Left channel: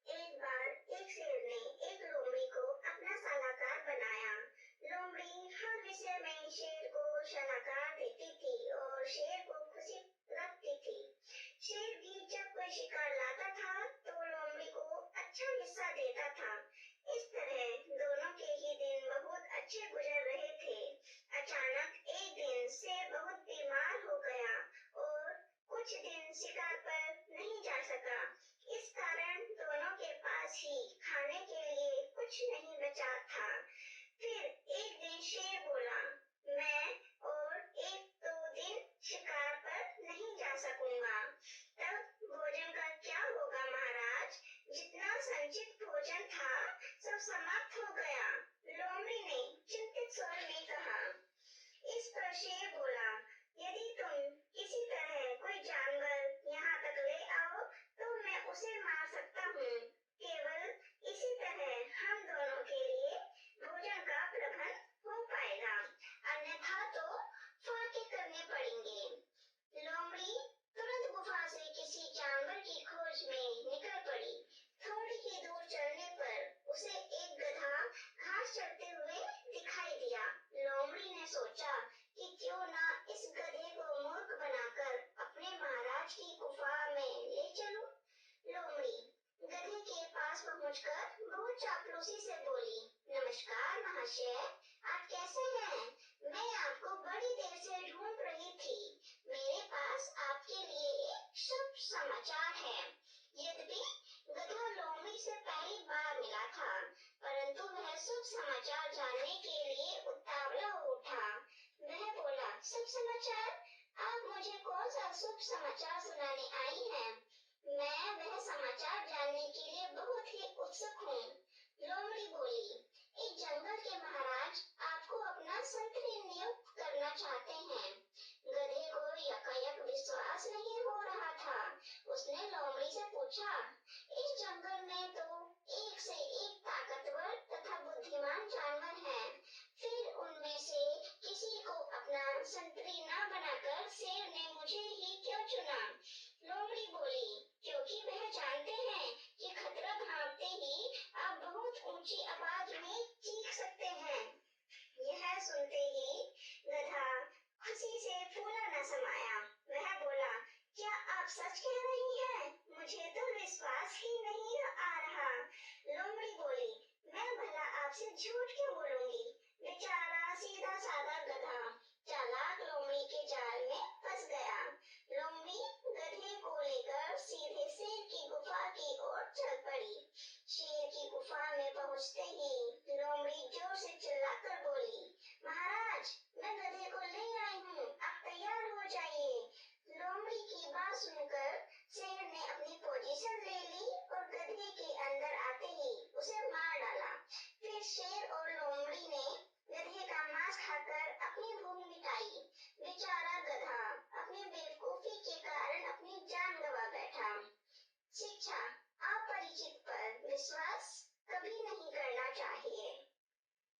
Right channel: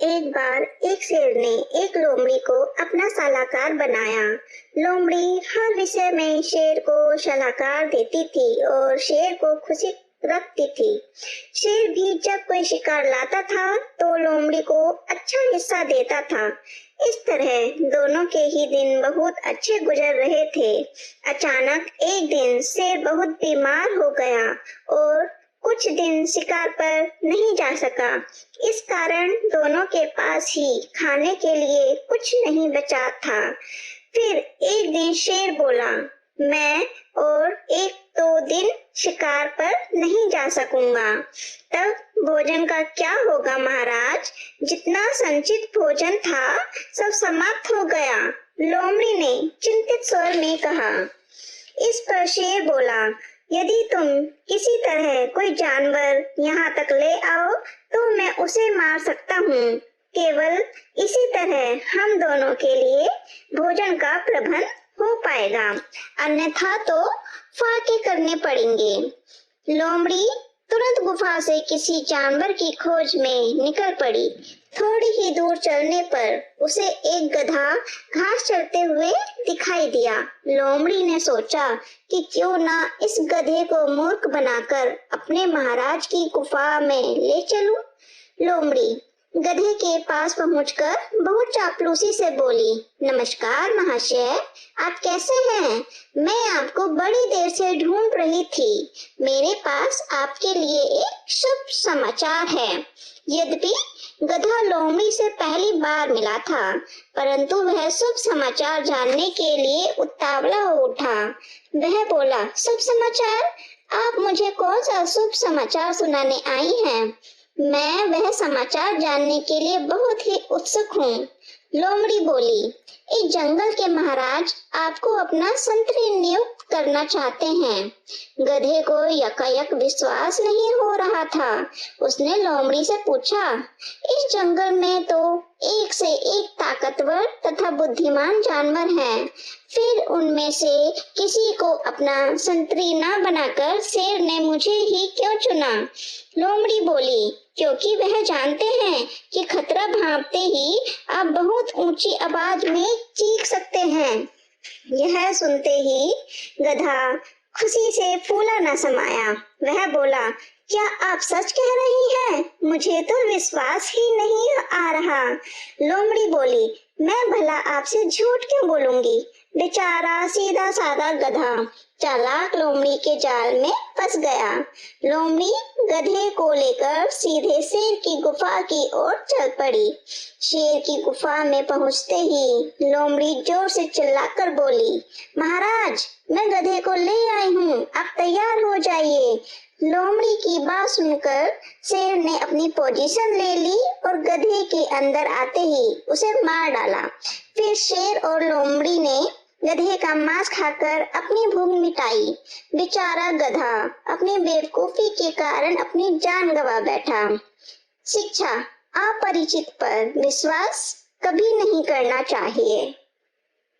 एक बार एक शेर ने एक लोमड़ी को अपना सलाहकार बनाया। लोमड़ी हर विषय में शेर को सलाहकार देती थी और शेर को खुशी रखती थी। शेर भी जब कोई शिकार लाता था तो लोमड़ी को अच्छा हिस्सा देता था। इस तरह दोनों के ही दिन बहुत अच्छे गुजर रहे थे। अचानक एक दिन शेर बहुत बीमार हो गया और कुछ दिन शिकार पर नहीं जा सका। इस कारण दोनों के पास ही खाने के लिए कुछ नहीं बचा था। फिर एक दिन शेर बोला, मैं और एक दो दिन शिकार पर नहीं जा सकूंगा। तब भोजन का क्या होगा महाराज? जितना संचित भोजन था सब समाप्त हो गया। लोमड़ी ने चिंतित स्वर में कहा। इस पर शेर बोला, यदि तुम किसी तरह कोई जानवर यहाँ तक ले आओ तो मैं उसे मार सकता हूँ। केवल इसी तरह हम दोनों के लिए भोजन का प्रबंध हो पाएगा, अन्यथा तो फाके करने पड़ेंगे। लोमड़ी तुरंत गुफा से किसी जानवर की खोज में निकल पड़ी। थोड़ी ही दूर चलने पर उसे एक गधा घास चरते हुए दिखाई दिया। लोमड़ी ने सोचा कि क्यों ना इस गधे को मूर्ख बनाकर अपने महाराज की गुफा में ले चलूं। लोमड़ी गधे के पास पहुंचकर बहुत चापलूसी से बोली, नमस्कार महाशय, आप कैसे हैं? मैं आपको बड़ी देर से ढूंढ रही थी। मेरे पास आपके लिए एक शुभ समाचार है। यद्यपि गधा लोमड़ी से पहली बार मिला था, परंतु वह शुभ समाचार जानने के लिए उतावला हो उठा। वह बोला, शुभ समाचार? आप मुझे कौन सा शुभ समाचार सुनाने आई हैं? मैं वह समाचार जानने के लिए बहुत ही उत्सुक हूँ। लोमड़ी बोली, इस जंगल के महाराज आपको अपना संतरी नियुक्त करना चाहते हैं। गधे को यकायक विश्वास नहीं हो रहा था। उसने लोमड़ी से पूछा, इस जंगल में तो एक से एक ताकतवर तथा बुद्धिमान जानवर हैं, फिर उनमें से किसी को अपना संतरी न बनाकर शेर ने मुझे ही क्यों चुना? लोमड़ी बोली, क्योंकि वह जानते हैं कि खतरा भांपते ही आप बहुत ऊंची आवाज में चीख सकते हैं। यह सुनते ही गधा खुशी से फूला न समाया। वह बोला, क्या आप सच कह रही हैं? मुझे तो विश्वास ही नहीं आ रहा। लोमड़ी बोली, मैं भला आपसे झूठ क्यों बोलूंगी? बेचारा सीधा साधा गधा चालाक लोमड़ी के जाल में फंस गया। लोमड़ी गधे को लेकर सीधे शेर की गुफा की ओर चल पड़ी। शेर की गुफा में पहुंचते ही लोमड़ी जोर से चिल्लाकर बोली, महाराज, मैं गधे को ले आई हूँ, आप तैयार हो जाइए। लोमड़ी की बात सुनकर शेर ने अपनी पोजीशन ले ली और गधे के अंदर आते ही उसे मार डाला। फिर शेर और लोमड़ी ने गधे का मांस खाकर अपनी भूख मिटाई। बेचारा गधा अपनी बेवकूफी के कारण अपनी जान गंवा बैठा। शिक्षा, अपरिचित पर विश्वास कभी नहीं करना चाहिए।